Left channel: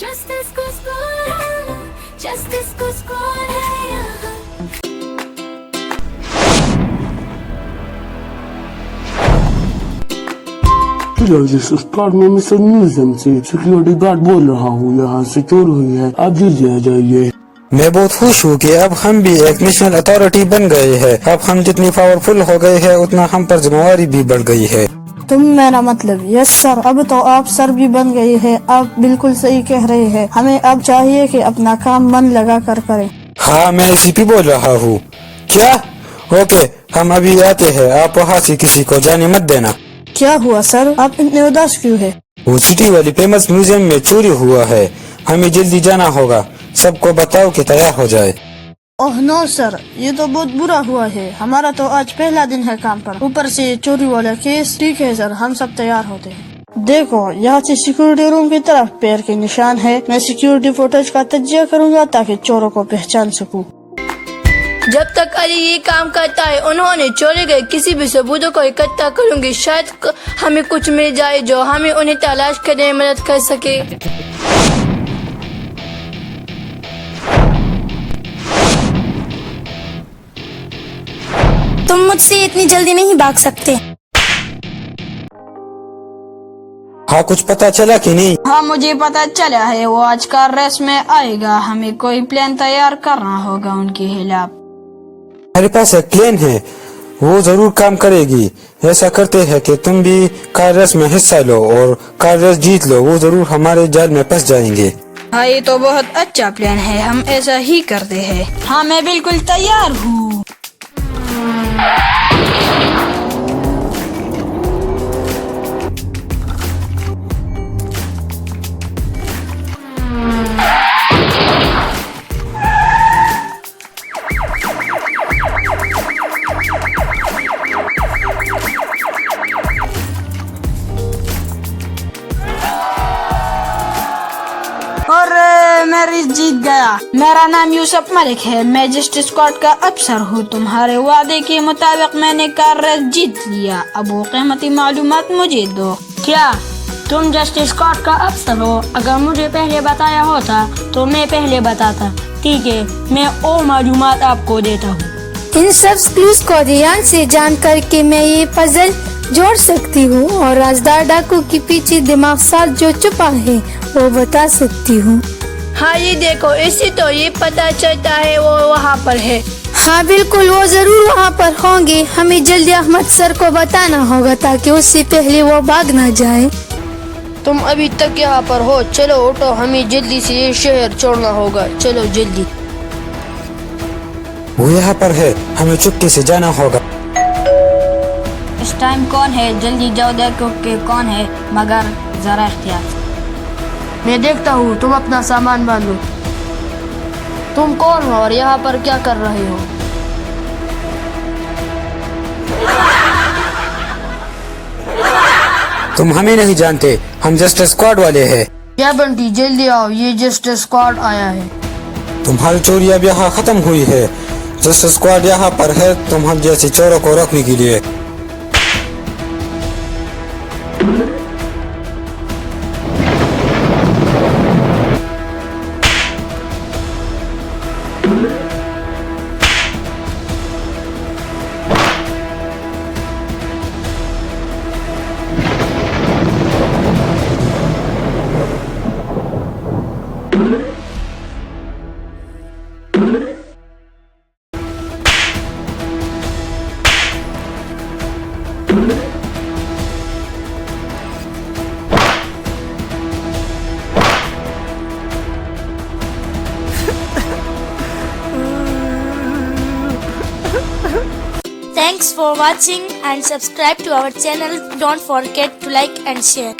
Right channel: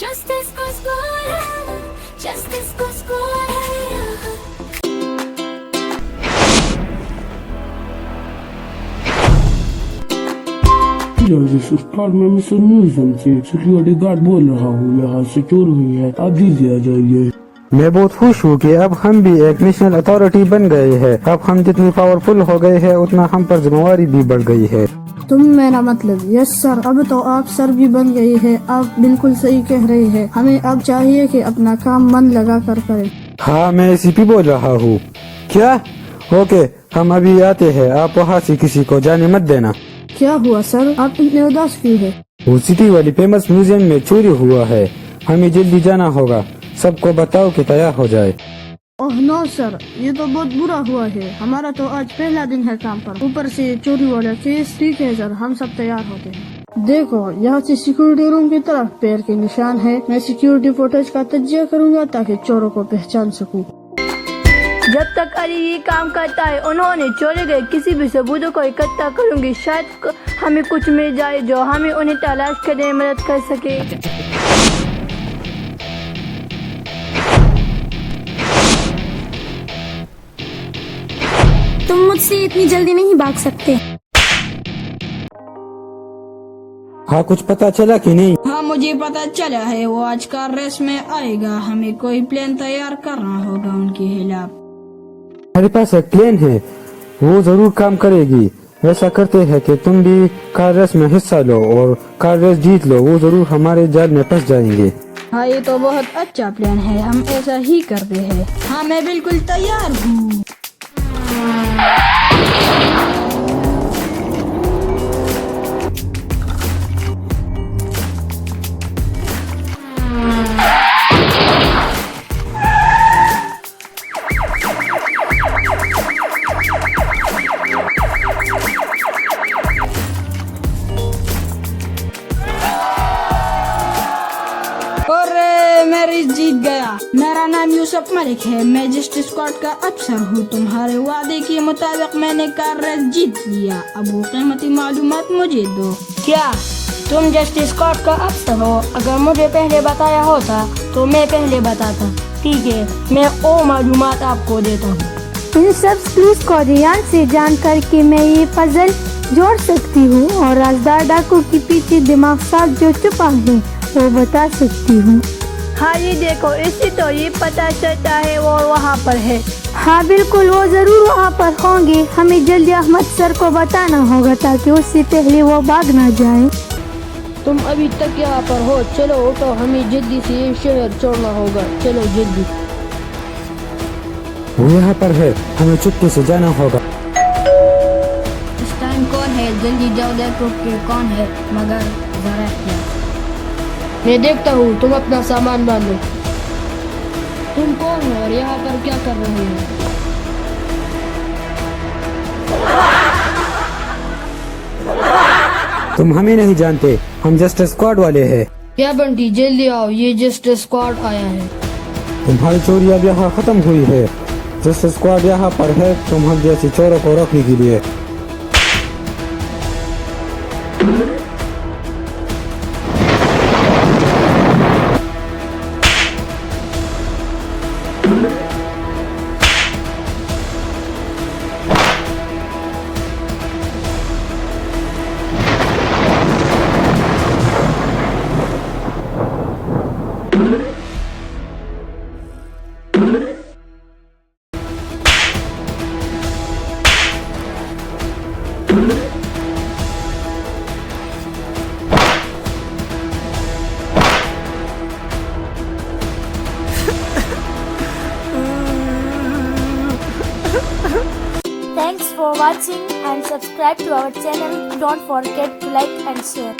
Justice को score है, justice को score है यहाँ। इस स्पॉट में मिस्टर म्यूजियम से सिक्योरिटी गार्ड बोल रहा हूँ, यहाँ से चोर हुई है, आप जल्दी आ जाइए। मैं बहुत खुश हूँ कि अब हम भी एक नेशनल अथॉरिटी बन गए हैं। अब हम जितनी पावरफुल हो गए हैं उतना हम पर जिम्मेवारी भी बढ़ गई है। तुम मेरा मतलब? यस सर, अब तो आप सर भी बन गए हैं। आप बिल्कुल सही कह रहे हैं। हमें अब चाहिए कि अपना काम मन लगा कर करें। हाँ, मैं एसीपी बोल रहा हूँ। क्या? ओके, हम अभी आते हैं। आप वहाँ से किसी को जाने मत देना। क्या हुआ सर, आप इतने उदास क्यों है? वो सिटी वाली फेमस म्यूजियम में चोरी हुआ है, हमें जल्दी जाना होगा। सबको बताओ कि तैयार हो जाए। ओह नो सर, ये तो बहुत बुरा हुआ है। हमारा तो आज पहला दिन है काम पर, ऊपर से चोरी वाला केस। ठीक है सर, हम सब तैयार होते हैं। देखो, यहाँ से सिक्योरिटी रूम की तरफ पैर के निशान है। मैं सिक्योरिटी फुटेज का तज्जिया करूँगा ताकि चोरों को पहचान सकूँ। जब तक अली ये काम करता है, उन्होंने चोरी गए किसी भी सबूतों को इकट्ठा करूंगी। शायद हमें कुछ मिल जाए जो हमें उन्हें तलाश करने में मदद कर सके। तुम मुझसे इतनी जल्दी नहीं भाग सकते। हाँ, कुछ पता चला कि नहीं? हाँ, मुझे पता चला है। वो आज कार रेस में आएगा। हमें कोई प्लान तैयार करना होगा उनके खिलाफ। मेरे पास एक प्लान है, वो जरूर काम करेगी। ऐसा करते हैं कि तुम भी कार रेस में हिस्सा लो और कार रेस जीत लो। वो जरूर हमारे जाल में फंस जाएंगे। हाँ, ये तो बहुत अच्छा प्लान है। हम ऐसा ही करते हैं। हाँ, मैं बिल्कुल तैयार हूँ। और मैं रेस जीत गया। मेरा नाम यूसुफ मलिक है। मैं जस्टिस स्क्वाड का अफसर हूँ। तुम्हारे वादे के मुताबिक मैंने कार रेस जीत लिया। अब वो कीमती मालूमात मुझे दो। क्या तुम जस्टिस स्क्वाड का अफसर हो? अगर मुझे पहले बताया होता तो मैं पहले बताता। ठीक है, मैं वो मालूमात आपको देता हूँ। इन सब क्लूज को ध्यान से जान करके मैं ये पजल जोड़ सकती हूँ और राजदार डाकू के पीछे दिमाग साथ जो छुपा है वो बता सकती हूँ। हाँ, ये देखो, इससे तो ये पता चलता है वो वहाँ पर है। हाँ बिल्कुल, वो जरूर वहाँ पर होंगे। हमें जल्दी अहमद सर को बताना होगा ताकि उससे पहले वो भाग न जाए। तुम अभी तक यहाँ पर हो। चलो उठो, हमें जल्दी से ये शहर छोड़ना होगा। चलो जल्दी। वो यहाँ पर है, हमें चुपके से जाना होगा। इस टाइम कौन है? जल्दी जाओ, देखो कि कौन है, मगर जरा एहतियात। मैं देखता हूँ, तुम अपना सामान बांधो। तुम कौन हो और यहाँ पर क्या कर रहे हो? तुम हमें नहीं जानते, हम जस्टिस स्क्वाड वाले हैं। क्या बंटी, जल्दी आओ, ये जस्टिस स्क्वाड आया है। तुम्हारी चोरी अब यहाँ खत्म हुई है। जस्टिस स्क्वाड यहाँ पर है तुम हम जैसे चोरों को रखने के लिए। Thanks for watching and subscribe to our channel. Don't forget to like and share.